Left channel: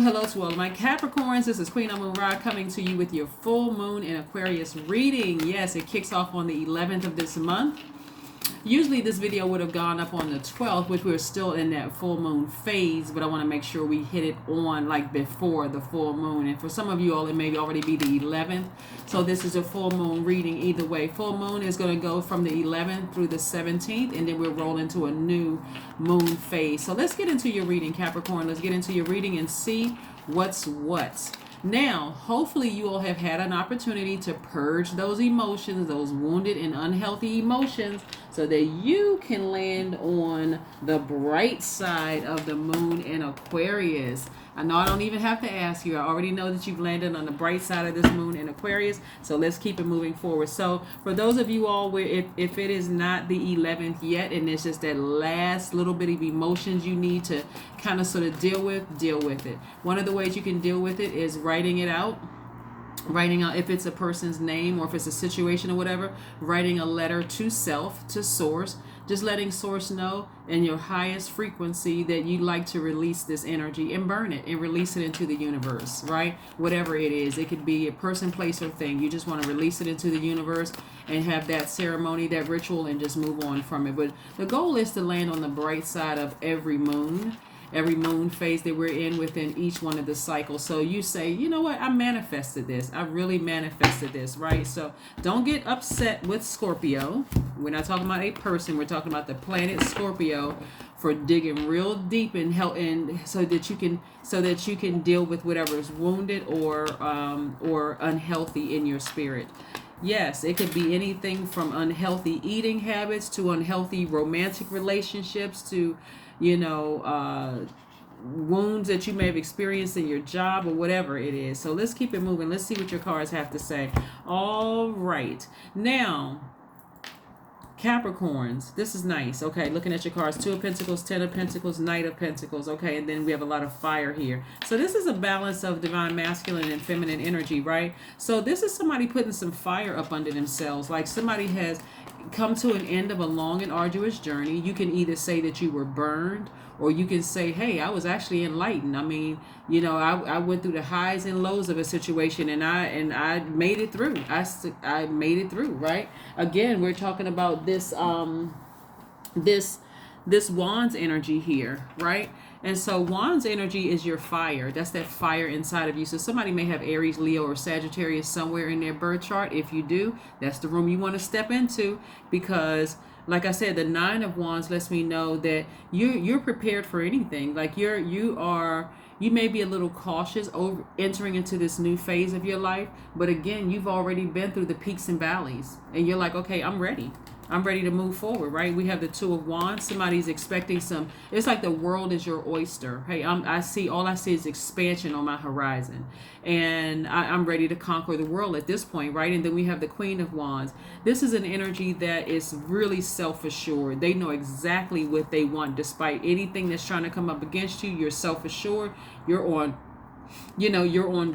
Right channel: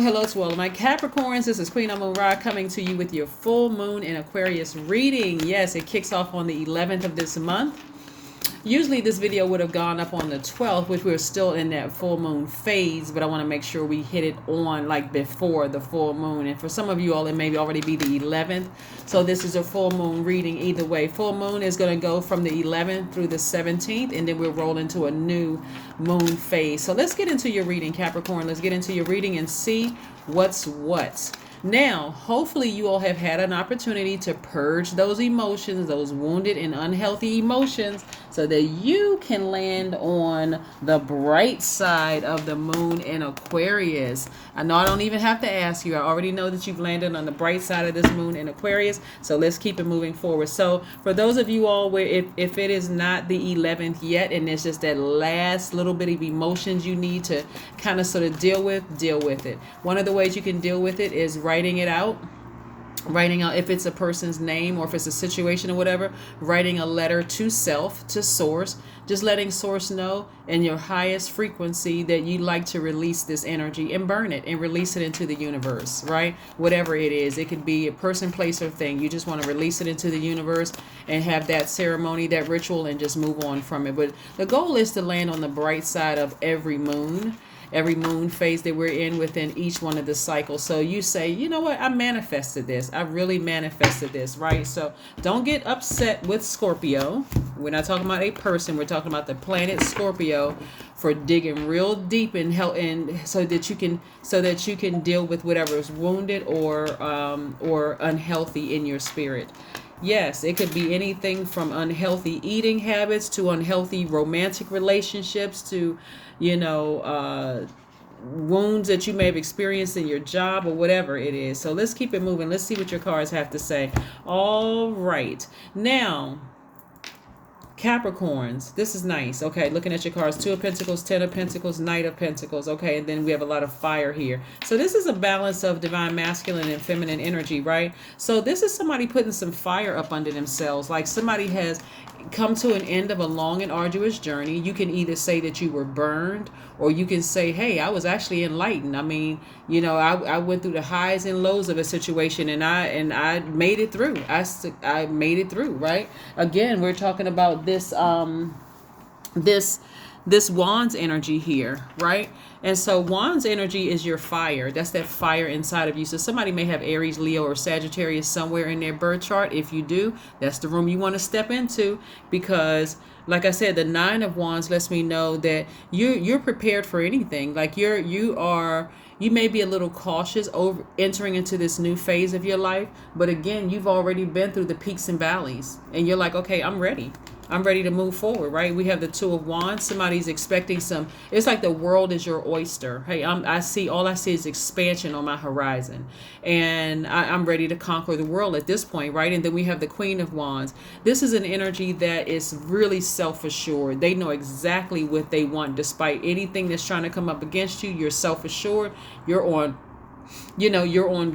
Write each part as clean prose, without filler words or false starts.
Hello to all of my Capricorns. This is Queen Moon Ra coming to you with your full moon in Aquarius reading. Yes, it kicks off on the 11th of this month. Usually this video would have gone up on the 12th, which we're still in that full moon phase, but I want to make sure we hit it on like before the full moon. And for some of you all, it may already be the 11th. So this is a full moon reading either way. Full moon is going to go from the 11th through the 17th, and then we'll roll into a new moon phase. So let's get into your reading, Capricorn. Let's get into your reading and see what's what. Now, hopefully you all have had an opportunity to purge those emotions, those wounded and unhealthy emotions, so that you can land on the bright side of the moon in Aquarius. I know I don't even have to ask you. I already know that you've landed on the bright side of this moon in Aquarius. So let's keep it moving forward. So for those of you all where if it is not the 11th yet, and it's just that last little bit of emotions you need to kind of sort of deal with it. One of the ways you can deal with it is writing out if it's a person's name or if it's a situation or whatever, writing a letter to self, to source, just letting source know in your highest frequency that you'd like to release this energy and burn it and release it into the universe, right? Whatever it is, it could be a person, place, or thing. You just want to release it into the universe and have that ceremony, that ritual, and just move on from it. But the goal is to land on the bright side of every moon phase that we're in within each one of the cycles. So you say, you know what, I manifested this. I really manifested this, right? So don't get upset with Scorpio. We're not talking about a person. We're talking about the planet Scorpio for digging real deep and help, and so that you can deal with whatever is wounded or unhealthy in your spirit. Yes, it could be anything from unhealthy eating habits to unhealthy romantic relationships to wounds that you may have experienced in your job or whatever it is. So let's keep it moving. Let's see what your cards have to say. All right. Now, Capricorns, this is nice. Okay, looking at your cards, 2 of Pentacles, 10 of Pentacles, Knight of Pentacles. Okay, and then we have a lot of fire here. So this is a balance of divine masculine and feminine energy, right? So this is somebody putting some fire up under themselves. Like somebody has come to an end of a long and arduous journey. You can either say that you were burned, or you can say, hey, I was actually enlightened. I mean, I went through the highs and lows of a situation, and I made it through. I made it through, right? Again, we're talking about this this Wands energy here, right? And so Wands energy is your fire. That's that fire inside of you. So somebody may have Aries, Leo, or Sagittarius somewhere in their birth chart. If you do, that's the room you want to step into, because like I said, the 9 of Wands lets me know that you're prepared for anything. Like you may be a little cautious over entering into this new phase of your life, but again, you've already been through the peaks and valleys, and you're like, okay, I'm ready to move forward, right? We have the 2 of Wands. Somebody's expecting it's like the world is your oyster. Hey, all I see is expansion on my horizon, and I'm ready to conquer the world at this point, right? And then we have the Queen of Wands. This is an energy that is really self-assured. They know exactly what they want, despite anything that's trying to come up against you. You're self-assured. You're on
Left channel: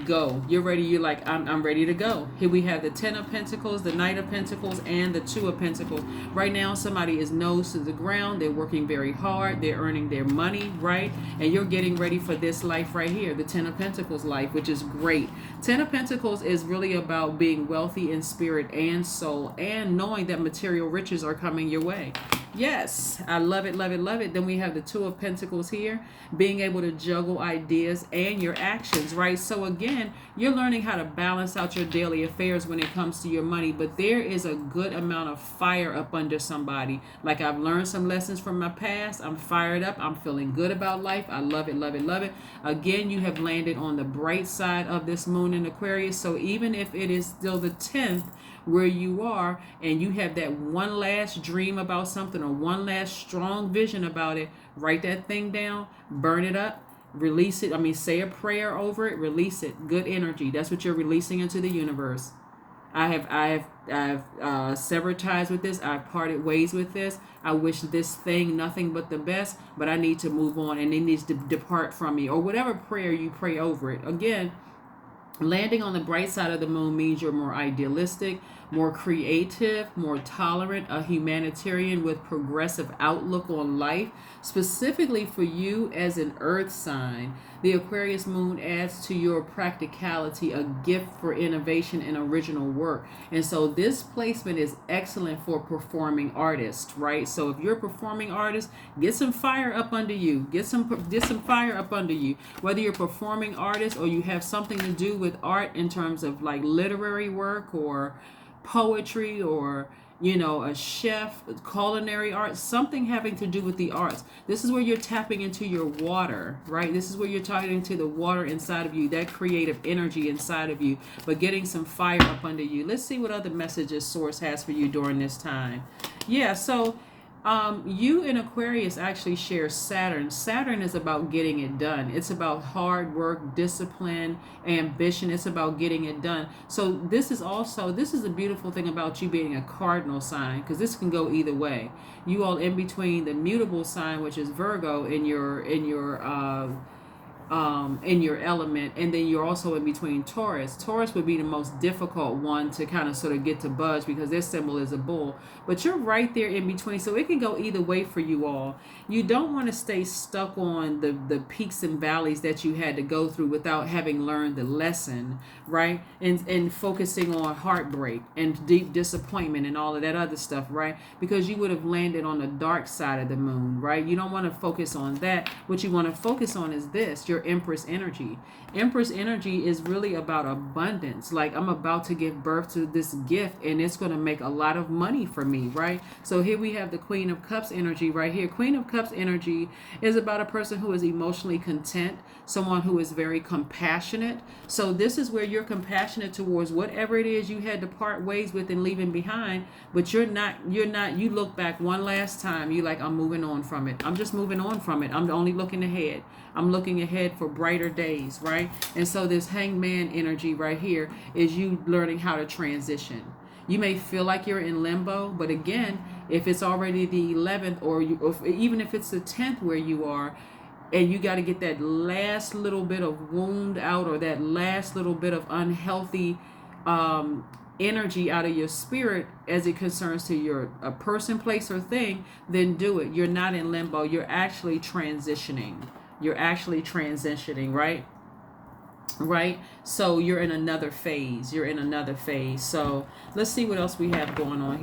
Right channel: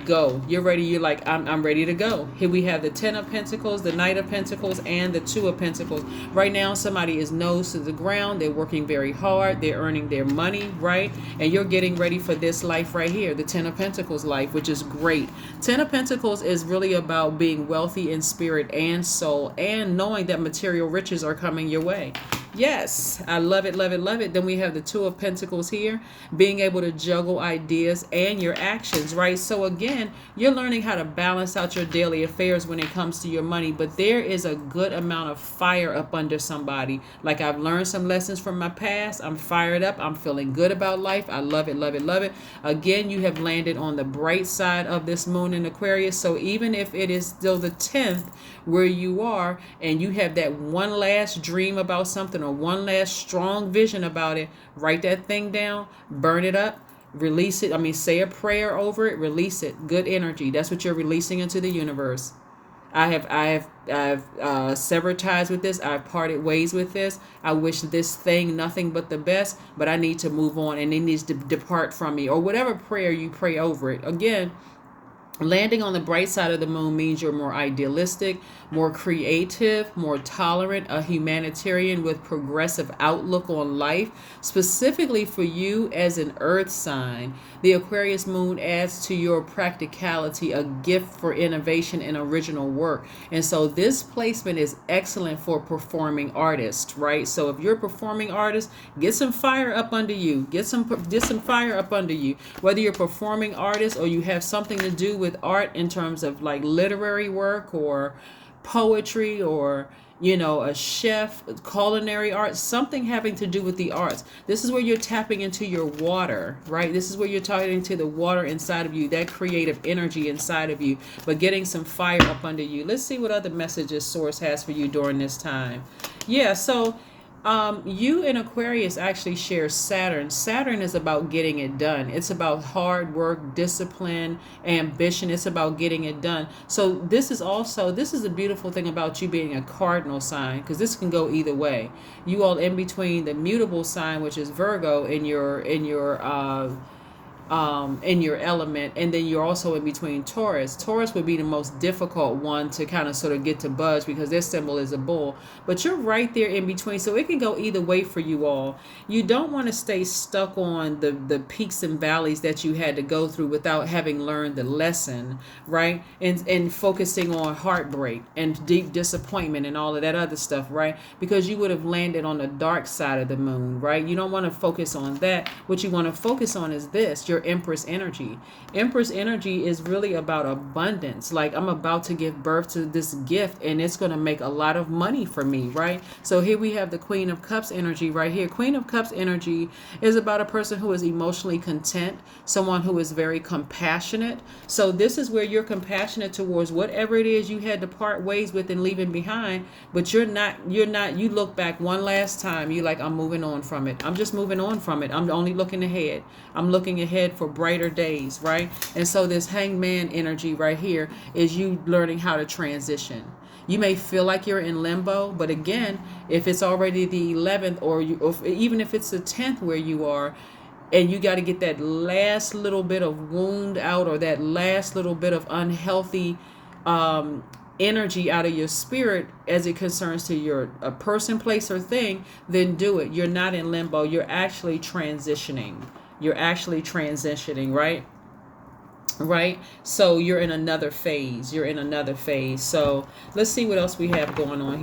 go. You're ready. You're like, I'm ready to go. Here we have the 10 of Pentacles, the Knight of Pentacles, and the 2 of Pentacles. Right now, somebody is nose to the ground. They're working very hard. They're earning their money, right? And you're getting ready for this life right here, the 10 of Pentacles life, which is great. 10 of Pentacles is really about being wealthy in spirit and soul, and knowing that material riches are coming your way. Yes, I love it, love it, love it. Then we have the 2 of Pentacles here, being able to juggle ideas and your actions, right? So again, you're learning how to balance out your daily affairs when it comes to your money, but there is a good amount of fire up under somebody. Like, I've learned some lessons from my past. I'm fired up. I'm feeling good about life. I love it, love it, love it. Again, you have landed on the bright side of this moon in Aquarius. So even if it is still the 10th where you are, and you have that one last dream about something or one last strong vision about it, write that thing down, burn it up, release it. I mean, say a prayer over it, release it. Good energy. That's what you're releasing into the universe. I have severed ties with this. I've parted ways with this. I wish this thing nothing but the best, but I need to move on, and it needs to depart from me, or whatever prayer you pray over it. Again, Landing on the bright side of the moon means you're more idealistic, more creative, more tolerant, a humanitarian with progressive outlook on life. Specifically for you as an earth sign, the Aquarius moon adds to your practicality a gift for innovation and original work. And so this placement is excellent for performing artists, right? So if you're a performing artist, get some fire up under you. Get some fire up under you. Whether you're a performing artist or you have something to do with art in terms of like literary work or poetry or a chef, culinary arts, something having to do with the arts. This is where you're tapping into your water, right? This is where you're tapping into the water inside of you, that creative energy inside of you, but getting some fire up under you. Let's see what other messages Source has for you during this time. Yeah, so you and Aquarius actually share Saturn. Saturn is about getting it done. It's about hard work, discipline, ambition. It's about getting it done. So this is a beautiful thing about you being a cardinal sign, because this can go either way. You all in between the mutable sign, which is Virgo, in your element, and then you're also in between Taurus. Taurus would be the most difficult one to kind of sort of get to budge because their symbol is a bull, but you're right there in between, so it can go either way for you all. You don't want to stay stuck on the peaks and valleys that you had to go through without having learned the lesson, right? And focusing on heartbreak and deep disappointment and all of that other stuff, right? Because you would have landed on the dark side of the moon, right? You don't want to focus on that. What you want to focus on is this, your Empress energy. Empress energy is really about abundance. Like, I'm about to give birth to this gift and it's going to make a lot of money for me, right? So here we have the Queen of Cups energy right here. Queen of Cups energy is about a person who is emotionally content, someone who is very compassionate. So this is where you're compassionate towards whatever it is you had to part ways with and leaving behind, but you look back one last time, you like, I'm moving on from it. I'm just moving on from it. I'm only looking ahead. I'm looking ahead for brighter days, right? And so this Hangman energy right here is you learning how to transition. You may feel like you're in limbo, but again, if it's already the 11th or even if it's the 10th where you are, and you got to get that last little bit of wound out, or that last little bit of unhealthy energy out of your spirit as it concerns to your a person, place, or thing, then do it. You're not in limbo. You're actually transitioning. Right? Right? So you're in another phase. So let's see what else we have going on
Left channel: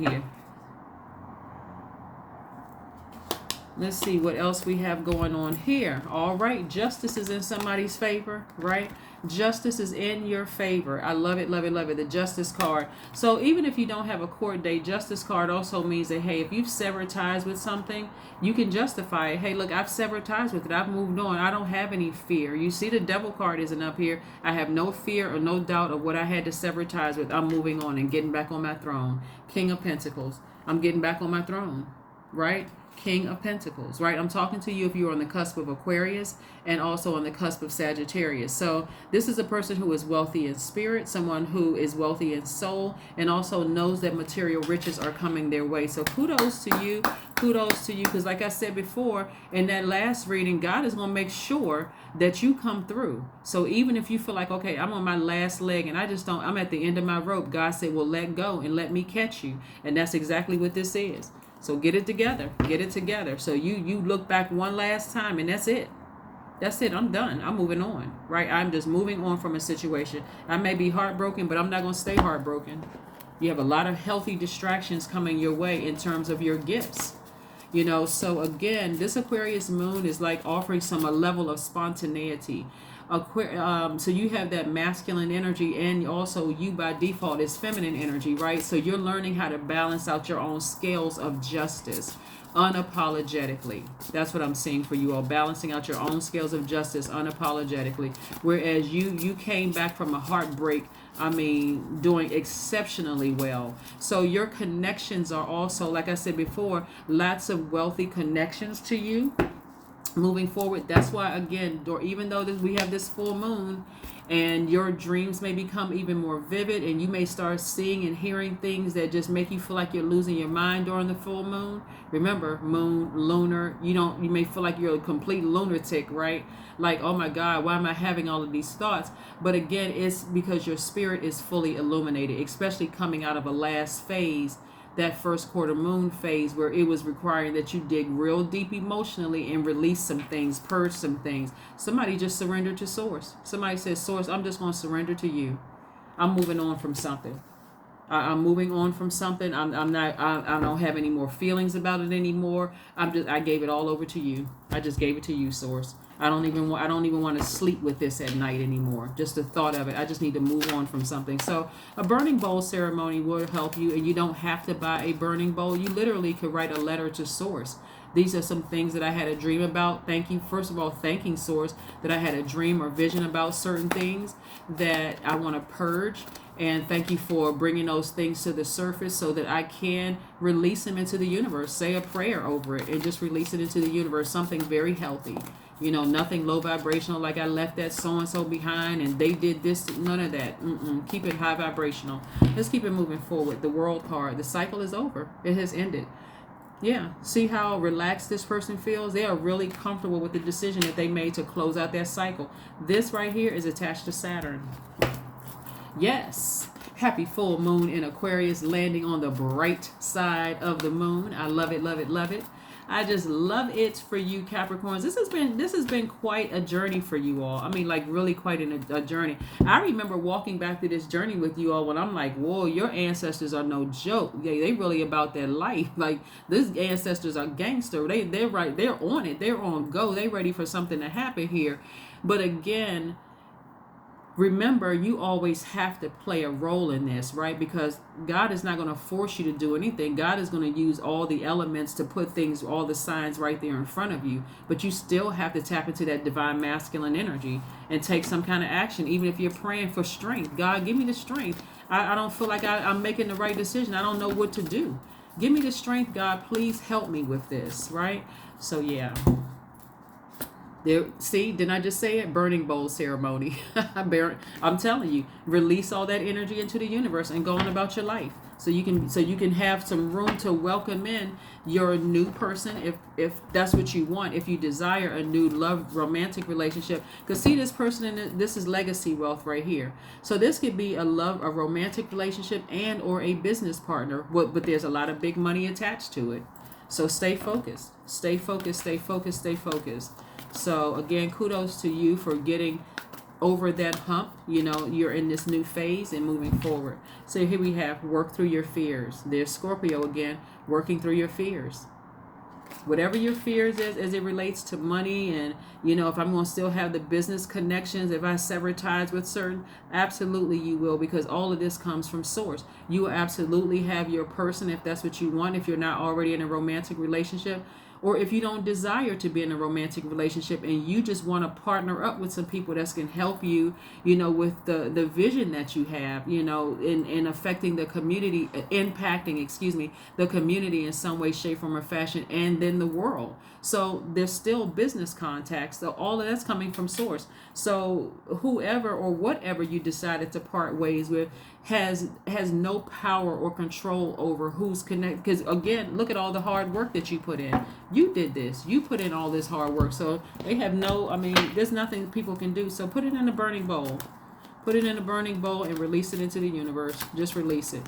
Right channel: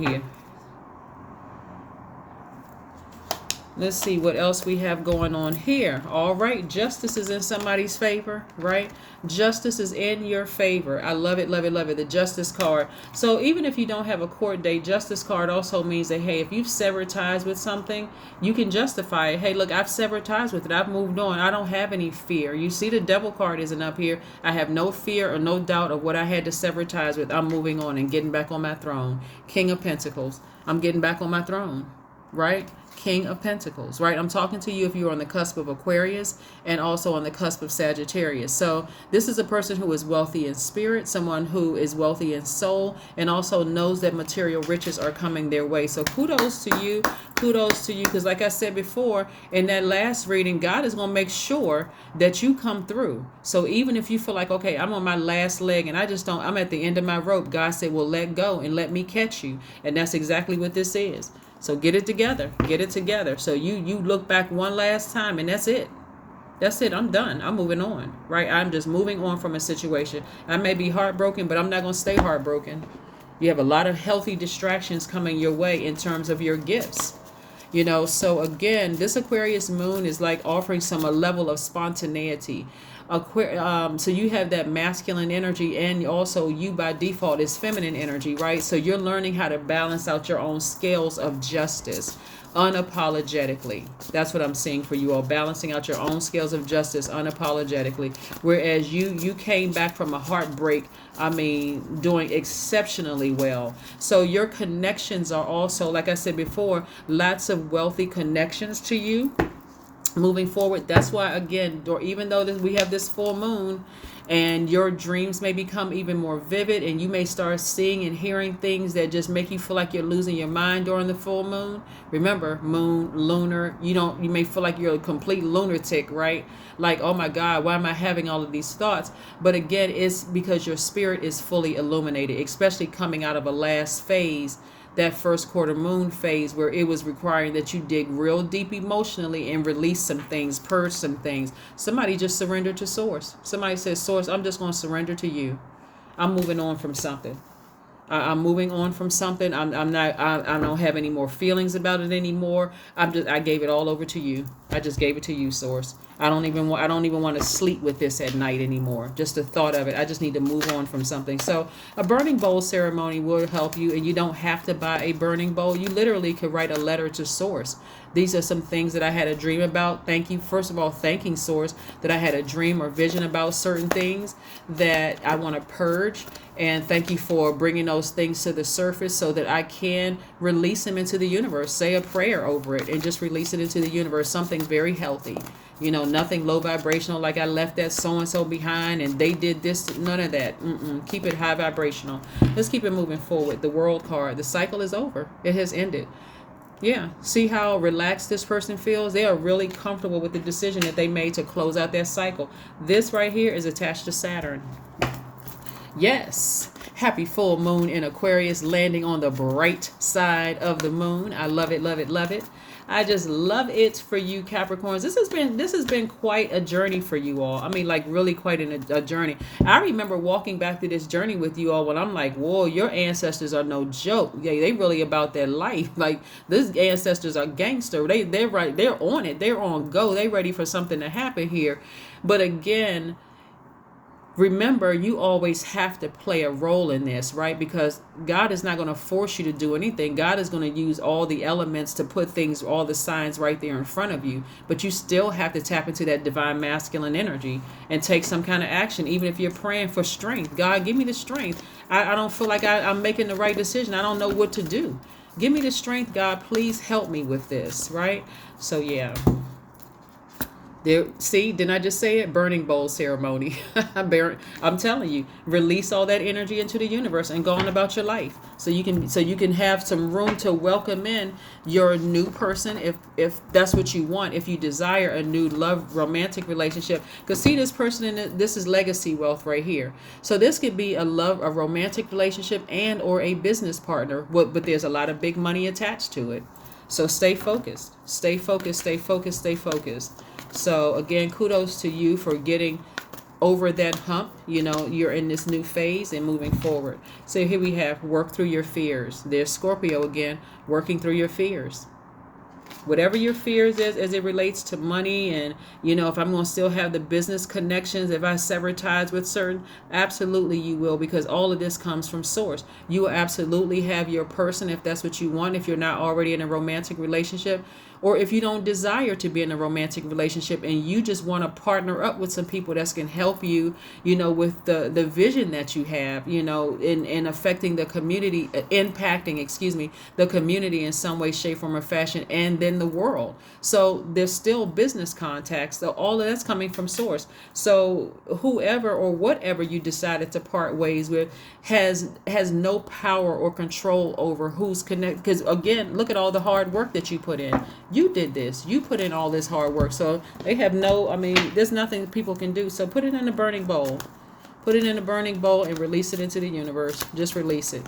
here. All right. Justice is in somebody's favor, right? Justice is in your favor. I love it, love it, love it. The Justice card. So even if you don't have a court date, Justice card also means that, hey, if you've severed ties with something, you can justify it. Hey, look, I've severed ties with it. I've moved on. I don't have any fear. You see, the Devil card isn't up here. I have no fear or no doubt of what I had to sever ties with. I'm moving on and getting back on my throne. King of Pentacles. I'm getting back on my throne, right? King of Pentacles, right? I'm talking to you if you're on the cusp of Aquarius and also on the cusp of Sagittarius. So this is a person who is wealthy in spirit, someone who is wealthy in soul, and also knows that material riches are coming their way. So kudos to you, because like I said before, in that last reading, God is going to make sure that you come through. So even if you feel like, okay, I'm on my last leg and I'm at the end of my rope, God said, well, let go and let me catch you. And that's exactly what this is. So get it together. So you look back one last time and that's it. I'm done. I'm moving on, right? I'm just moving on from a situation. I may be heartbroken, but I'm not going to stay heartbroken. You have a lot of healthy distractions coming your way in terms of your gifts. So again, this Aquarius moon is like offering a level of spontaneity. So you have that masculine energy, and also you by default is feminine energy, right? So you're learning how to balance out your own scales of justice unapologetically. That's what I'm seeing for you all, balancing out your own scales of justice unapologetically. Whereas you came back from a heartbreak, doing exceptionally well. So your connections are also, like I said before, lots of wealthy connections to you. moving forward. That's why, again, even though we have this full moon, and your dreams may become even more vivid, and you may start seeing and hearing things that just make you feel like you're losing your mind during the full moon. Remember, moon, lunar, you may feel like you're a complete lunatic, right? Like, oh my God, why am I having all of these thoughts? But again, it's because your spirit is fully illuminated, especially coming out of a last phase, that first quarter moon phase, where it was requiring that you dig real deep emotionally and release some things, purge some things. Somebody just surrendered to source. Somebody says, source, I'm just going to surrender to you. I'm moving on from something. I'm moving on from something. I'm not, I don't have any more feelings about it anymore. I gave it all over to you. I just gave it to you, source. I don't even want to sleep with this at night anymore. Just the thought of it. I just need to move on from something. So a burning bowl ceremony will help you, and you don't have to buy a burning bowl. You literally could write a letter to source. These are some things that I had a dream about. Thank you. First of all, thanking source that I had a dream or vision about certain things that I want to purge. And thank you for bringing those things to the surface so that I can release them into the universe. Say a prayer over it and just release it into the universe. Something very healthy. Nothing low vibrational, like I left that so-and-so behind and they did this. None of that. Keep it high vibrational. Let's keep it moving forward. The world card. The cycle is over. It has ended. Yeah. See how relaxed this person feels? They are really comfortable with the decision that they made to close out their cycle. This right here is attached to Saturn. Yes. Happy full moon in Aquarius, landing on the bright side of the moon. I love it, love it, love it. I just love it for you, Capricorns. This has been quite a journey for you all. I mean, like really quite a journey. I remember walking back through this journey with you all when I'm like, whoa, your ancestors are no joke. Yeah, they really about their life. Like these ancestors are gangster. They're right. They're on it. They're on go. They ready for something to happen here. But again, remember, you always have to play a role in this, right? Because God is not going to force you to do anything. God is going to use all the elements to put things, all the signs right there in front of you. But you still have to tap into that divine masculine energy and take some kind of action, even if you're praying for strength. God, give me the strength. I don't feel like I'm making the right decision. I don't know what to do. Give me the strength, God. Please help me with this, right? So, yeah. There, see, didn't I just say it? Burning bowl ceremony. I'm telling you, release all that energy into the universe and go on about your life. So you can have some room to welcome in your new person if that's what you want. If you desire a new love romantic relationship, because see, this person this is legacy wealth right here. So this could be a romantic relationship and or a business partner. But there's a lot of big money attached to it. So stay focused. Stay focused. Stay focused. Stay focused. So again, kudos to you for getting over that hump. You're in this new phase and moving forward. So here we have work through your fears. There's Scorpio again, working through your fears. Whatever your fears is as it relates to money and, if I'm going to still have the business connections, if I sever ties with certain, absolutely you will, because all of this comes from source. You will absolutely have your person if that's what you want, if you're not already in a romantic relationship. Or if you don't desire to be in a romantic relationship and you just want to partner up with some people that can help you, with the vision that you have, in affecting the community, impacting, the community in some way, shape, form, or fashion, and then the world. So there's still business contacts. So all of that's coming from source. So whoever or whatever you decided to part ways with has no power or control over who's connected. Because again, look at all the hard work that you put in. You did this. You put in all this hard work. So they have there's nothing people can do. So put it in a burning bowl. Put it in a burning bowl and release it into the universe. Just release it.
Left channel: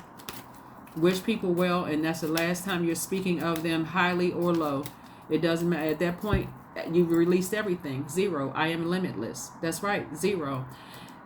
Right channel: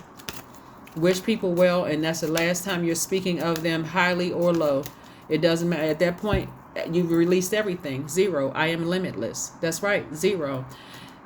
Wish people well, and that's the last time you're speaking of them highly or low. It doesn't matter. At that point, you've released everything. Zero. I am limitless. That's right. Zero.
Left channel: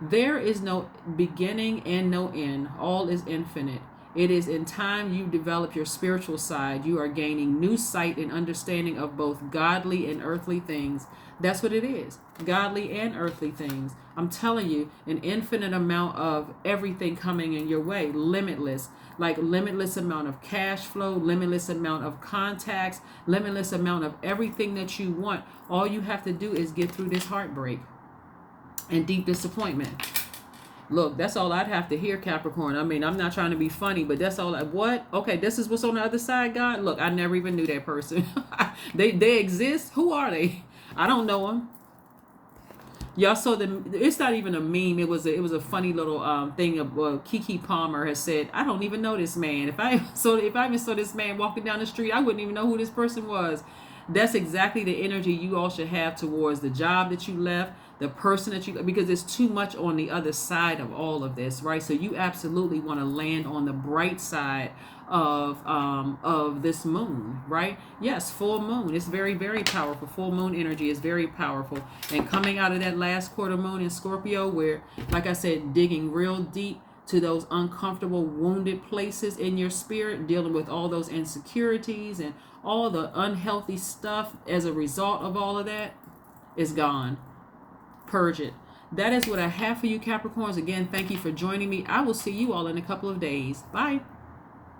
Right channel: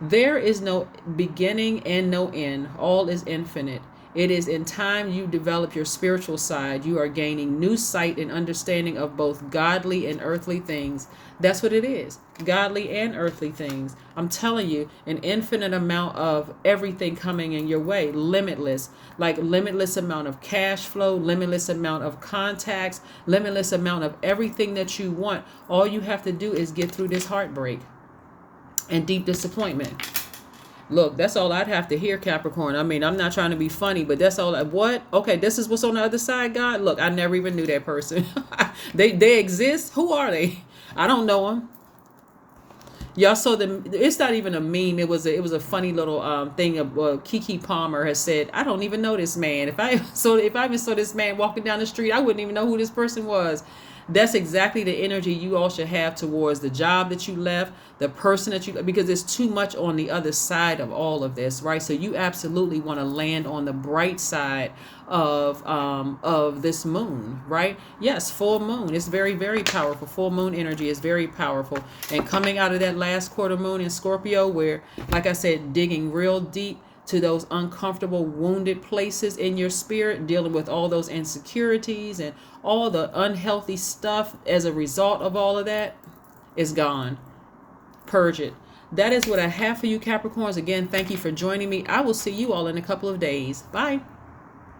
There is no beginning and no end. All is infinite. It is in time you develop your spiritual side. You are gaining new sight and understanding of both godly and earthly things. That's what it is. Godly and earthly things. I'm telling you, an infinite amount of everything coming in your way. Limitless. Like limitless amount of cash flow, limitless amount of contacts, limitless amount of everything that you want. All you have to do is get through this heartbreak and deep disappointment. Look, that's all I'd have to hear, Capricorn. I'm not trying to be funny, but that's all. What? Okay, this is what's on the other side, God. Look, I never even knew that person. They exist. Who are they? I don't know him. Y'all saw the. It's not even a meme. It was a funny little thing of Kiki Palmer has said. I don't even know this man. If I even saw this man walking down the street, I wouldn't even know who this person was. That's exactly the energy you all should have towards the job that you left, the person that you, because there's too much on the other side of all of this, right? So you absolutely want to land on the bright side of this moon, right? Yes, full moon. It's very, very powerful. Full moon energy is very powerful. And coming out of that last quarter moon in Scorpio, where, like I said, digging real deep to those uncomfortable, wounded places in your spirit, dealing with all those insecurities and all the unhealthy stuff as a result of all of that is gone. Purge it. That is what I have for you, Capricorns. Again, thank you for joining me. I will see you all in a couple of days. Bye.